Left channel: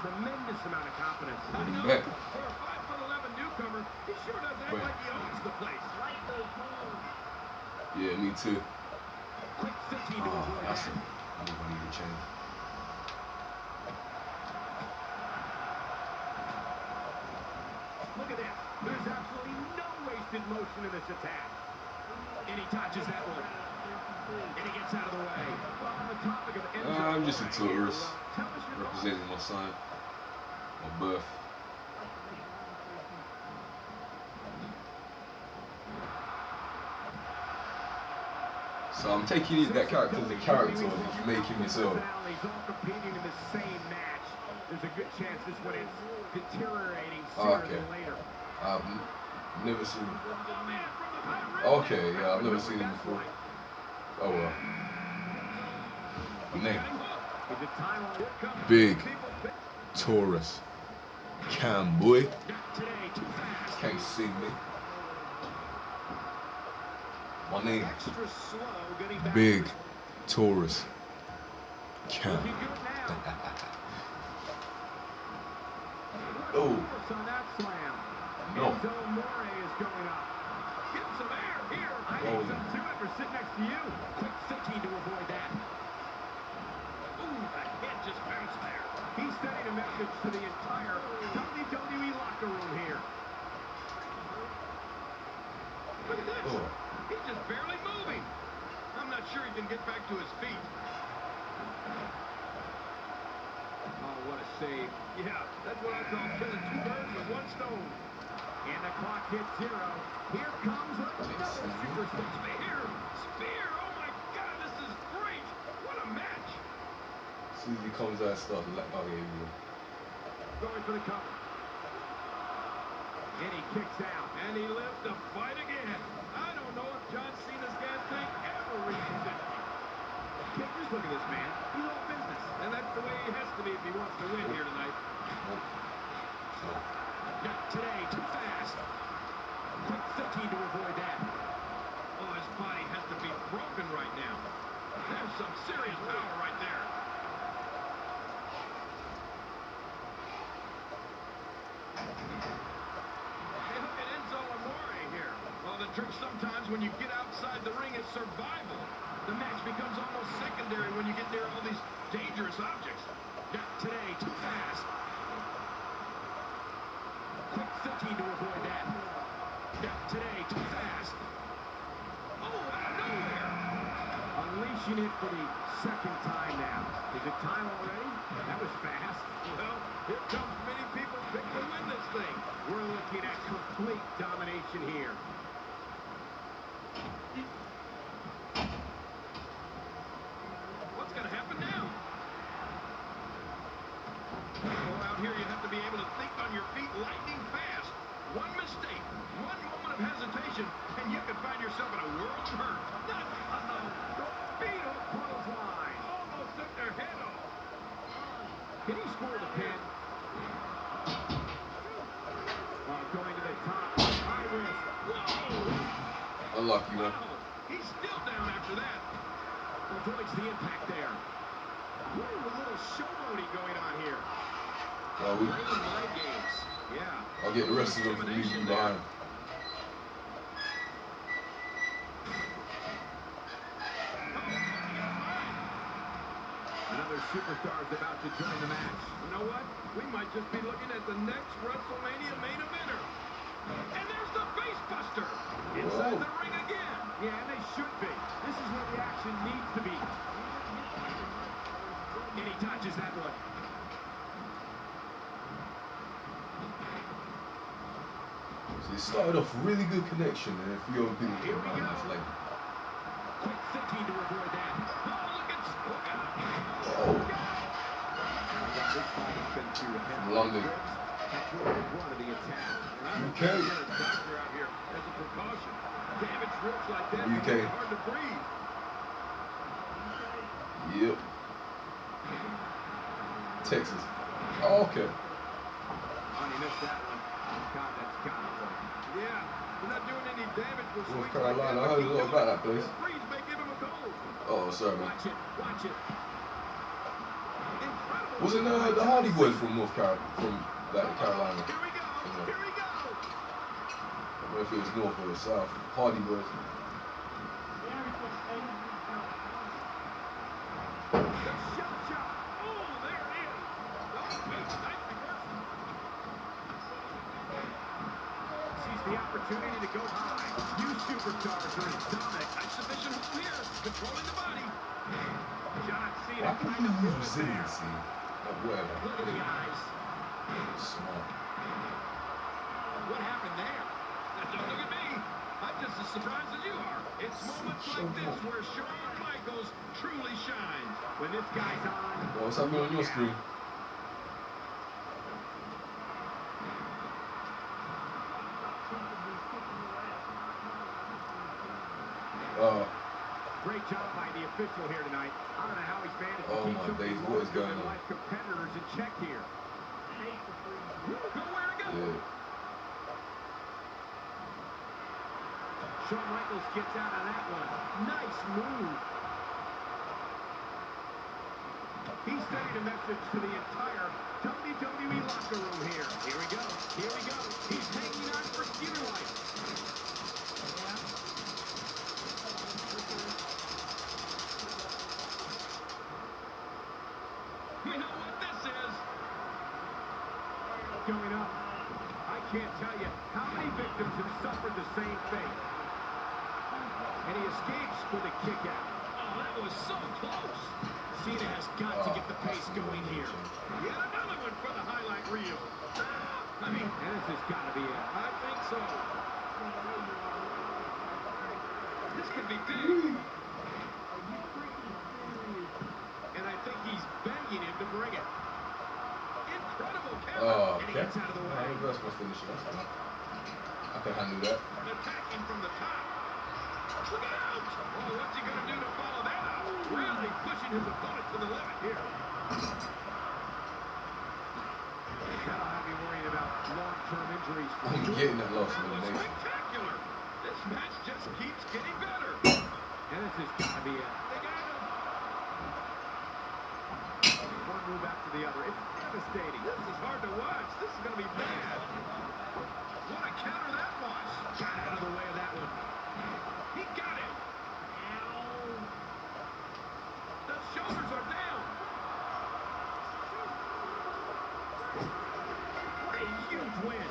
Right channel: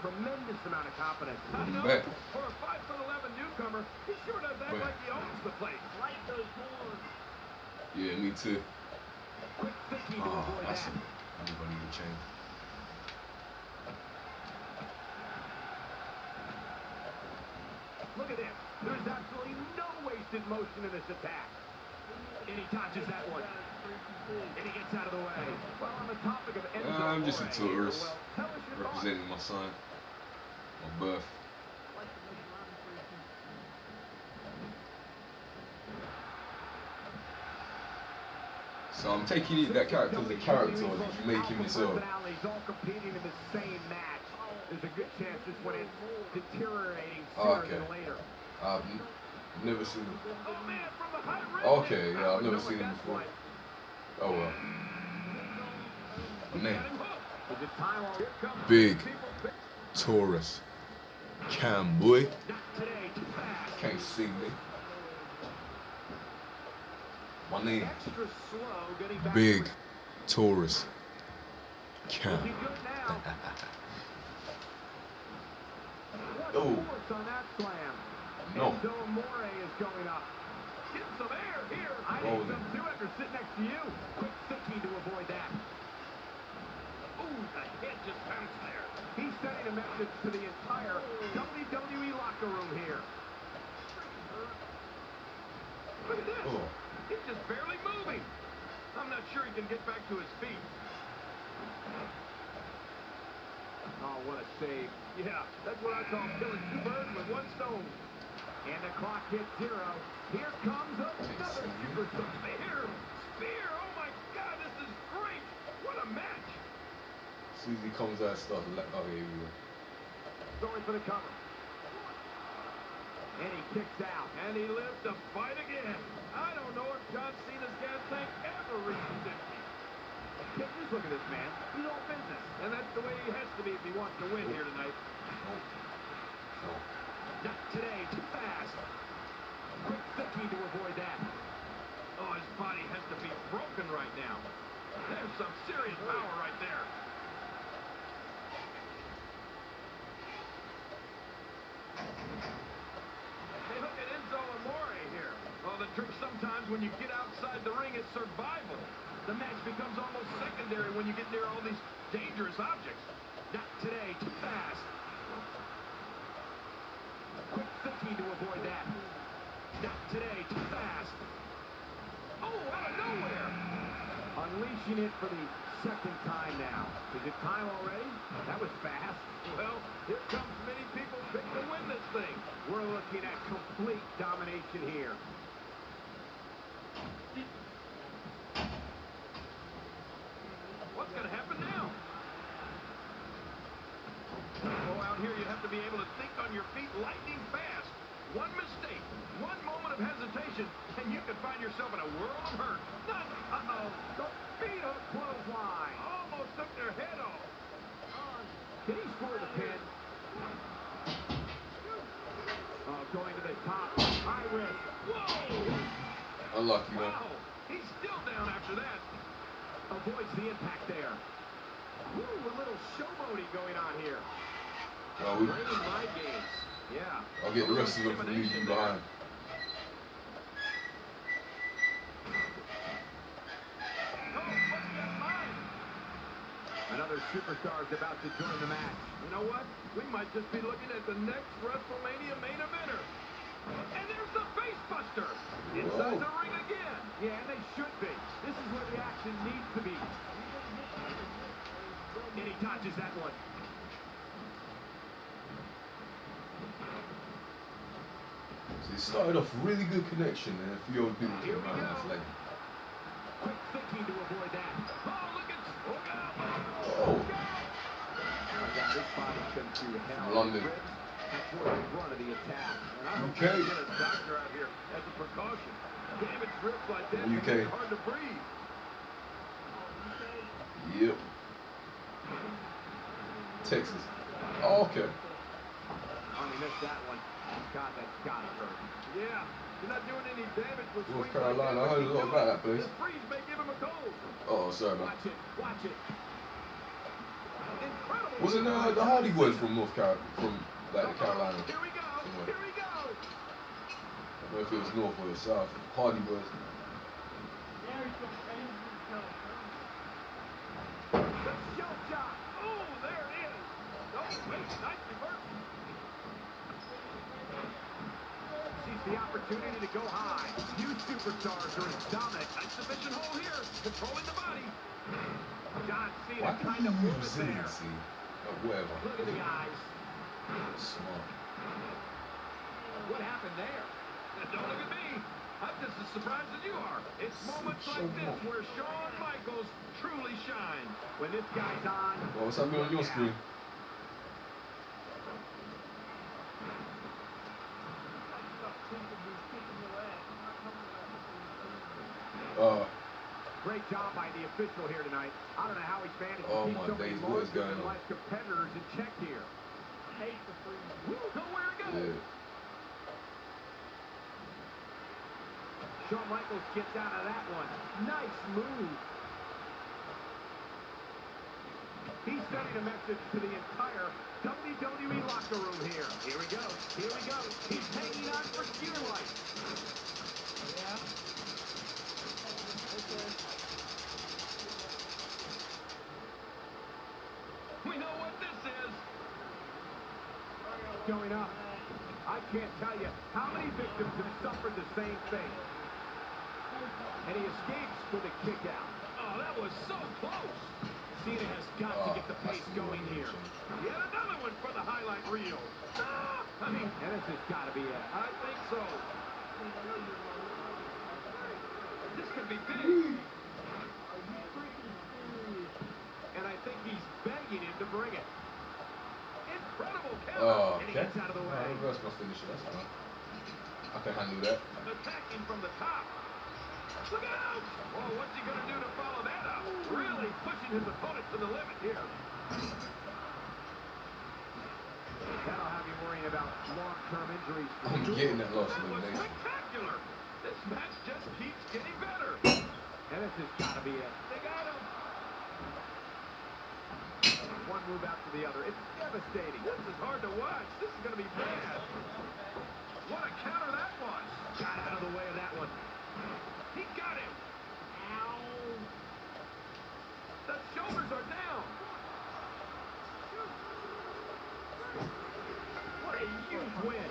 tremendous amount of confidence. Back. For a 5'11" newcomer, he sure does act like he owns the place. Yeah, me too. Quick 15 to avoid That's that. I need to change. Look at this. There's absolutely no wasted motion in this attack. And he touches that one. And he gets out of the way. Well, on the topic of I'm just a tourist, representing my son, my birth. So I'm taking that character as a character, or did you make him yourself? He's all competing in the same match. There's a good chance this one is deteriorating Oh, sooner than later. I've never seen him. Okay, yeah, I've never seen him before. Oh well. My name. BigTaurusCam, boy. Can't see me. My name. BigTaurusCam. Oh. No. What was it? Sit next to you. Quick 15 to avoid that. Ooh, the head just bounced there. He's sending a message to the entire WWE locker room here. Look at this. Oh. He's just barely moving. I'm not sure he can get back to his feet. Oh, what a save. Yeah, that's what I call killing two birds with one stone. And the clock hits 0. Here comes another superstar. Spear! Oh my God, this is great! What a match! As soon as he comes out, I start like, oh yeah, we will. Going for the cover. And he kicks out. And he lives to fight again. I don't know if John Cena's gas tank ever reaches 50. Just look at this man. He's all business. And that's the way he has to be if he wants to win here tonight. Not today. Too fast. Quick 15 to avoid that. Oh, his body has to be broken right now. There's some serious power right there. Hey, look at Enzo Amore here. Well, the truth sometimes when you get outside the ring is survival. The match becomes almost secondary when you get near all these dangerous objects. Not today. Too fast. Quick 15 to avoid that. Not today. Too fast. Oh, out of nowhere. Unleashing it for the second time now. Is it time already? That was fast. Well, here comes many people pick to win this thing. We're looking at complete domination here. What's going to happen now? Or out here, you have to be able to think on your feet lightning fast. One mistake, one moment of hesitation, and you can find yourself in a world of hurt. Feet on a clothesline. Almost took their head off. Can he score the pin? Going to the top. High risk. Whoa! Unlucky, man. Wow. He's still down after that. Avoids the impact there. What is a little showboating going on here? Playing mind games. Yeah. I'll get the rest of them from leaving you behind. Another superstar is about to join the match. You know what? We might just be looking at the next WrestleMania main eventer. And there's the face buster. Inside the ring again. Yeah, and they should be. This is where the action needs to be. And he touches that one. So it started off really good connection, and a few other people came around and it's like, Quick 15 to avoid that. oh, from London. UK. UK. Yep. Texas. Oh, okay. North Carolina. I heard a lot about that place. Oh, sorry, man. Watch it. Incredible Wasn't the Hardy Boys from like the Carolina? Here we go. You know, Here we go. I don't know if it was North or the South. Hardy Boys. The opportunity to go high. You superstars are dominant. Exhibition hole here. Controlling the body. John Cena. Why can't you use resiliency? Like whatever. Look at the eyes. Smart. What happened there? Don't look at me. I'm just as surprised as you are. It's moments like this where Shawn Michaels truly shines. When this guy's on. Well, what's happening on your screen? Great job by the official here tonight. I don't know how he's managed to Oh keep my some of days, the what is going on? life competitors in check here. Good way to go. Yeah. Shawn Michaels gets out of that one. Nice move. He's sending a message to the entire WWE locker room here. Here we go. Here we go. He's taking out for Steven White. We know what this is. Going up. I can't tell you how many victims have suffered the same fate. And he escapes with a kick out. Oh, that was so close. Cena has got to get the pace going here. Yet another one for the highlight reel. I mean, and this has got to be it. I think so. This could be big. And I think he's begging him to bring it. Incredible counter. Oh, And he okay. gets out of the way. I reverse my finisher. That's fine. I can handle that. Attacking from the top. Look out! Oh, what's he going to do to follow that up? Really pushing his opponent to the limit here. That'll have you worrying about long-term injuries. I'm getting that last elimination. Spectacular! This match just keeps getting better. And this has got to be it. They got him. One move after the other. It's devastating. This is hard to watch. This is going to be bad. What a counter that was. Got out of the way of that one. He got it. Ow. The shoulders are down. What a huge win.